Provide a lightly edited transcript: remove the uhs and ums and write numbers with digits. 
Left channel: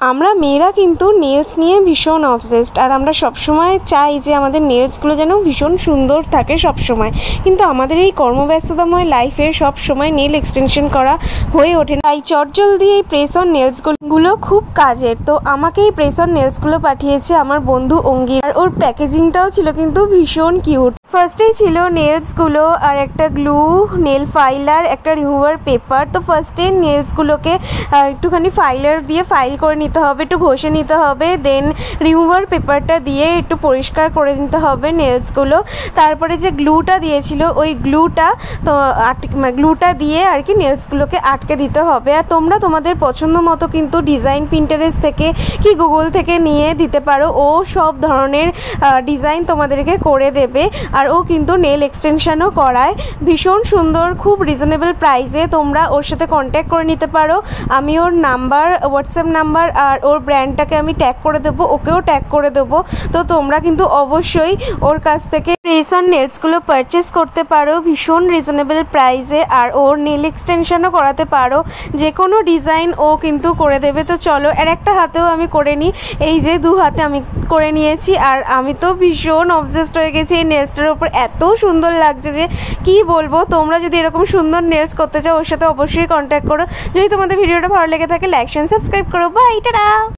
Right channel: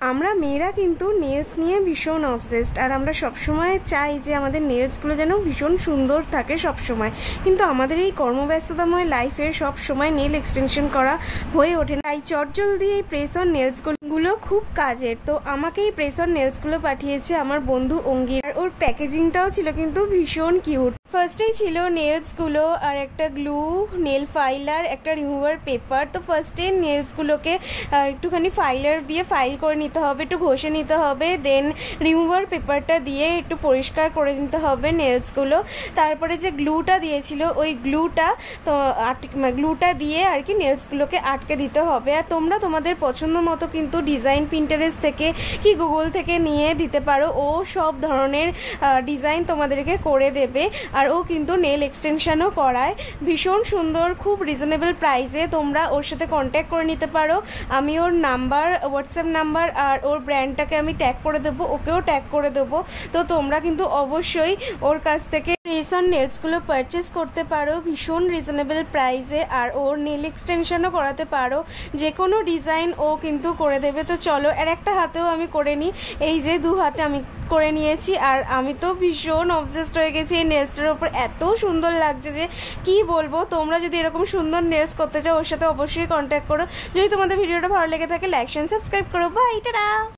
আমরা মেয়েরা কিন্তু নেলস নিয়ে ভীষণ অবসেসড, আর আমরা সবসময় চাই যে আমাদের নেলসগুলো যেন ভীষণ সুন্দর থাকে সবসময়। কিন্তু আমাদের এই কর্মব্যস্ততাময় লাইফের সব সময় নেল এক্সটেনশন করা হয়ে ওঠে না। তাই চটজলদি এই প্রেস অন নেলসগুলো খুব কাজের। তো আমাকে এই প্রেস অন নেলসগুলো পাঠিয়েছে আমার বন্ধু অঙ্গির, আর ওর প্যাকেজিংটাও ছিল কিন্তু ভীষণ কিউট। ফার্স্টেই ছিল নেলসগুলো আর একটা গ্লু, নেল ফাইলার, একটা রিমুভার পেপার। তো ফার্স্টে নেলসগুলোকে একটুখানি ফাইলার দিয়ে ফাইল করে নিতে হবে, একটু ঘষে নিতে হবে। দেন রিমুভার পেপারটা দিয়ে একটু পরিষ্কার করে নিতে হবে নেলসগুলো। তারপরে যে গ্লুটা দিয়েছিল ওই গ্লুটা দিয়ে আর কি নেলসগুলোকে আটকে দিতে হবে। আর তোমরা তোমাদের পছন্দ মতো কিন্তু ডিজাইন পিন্টারেস্ট থেকে কি গুগল থেকে নিয়ে দিতে পারো। ও সব ধরনের ডিজাইন তোমাদেরকে করে দেবে। আর ও কিন্তু নেল এক্সটেনশনও করায় ভীষণ সুন্দর, খুব রিজনেবল প্রাইসে। তোমরা ওর সাথে কন্ট্যাক্ট করে নিতে পারো। আমি ওর নাম্বার, হোয়াটসঅ্যাপ নাম্বার আর ওর ব্র্যান্ডটাকে আমি ট্যাগ করে দেবো, ওকেও ট্যাগ করে দেবো। তো তোমরা কিন্তু অবশ্যই ওর কাছ থেকে প্রেস অন নেলসগুলো পারচেস করতে পারো ভীষণ রিজনেবল প্রাইসে। আর ওর নেল এক্সটেনশনও করাতে পারো, যে কোনো ডিজাইন ও কিন্তু করে দেবে। তো চলো, আর একটা হাতেও আমি করে নিই, এই যে দু হাতে আমি করে নিয়েছি। আর আমি তো ভীষণ অবসেসড হয়ে গেছি এই নেলসটার ওপর, এত সুন্দর লাগছে যে কি বলবো। তোমরা যদি এরকম সুন্দর নেলস করতে চাও ওর সাথে অবশ্যই কন্ট্যাক্ট করো। যদি তোমাদের ভিডিওটা ভালো লেগে থাকে লাইক শেয়ার সাবস্ক্রাইব করো। Bye, tata.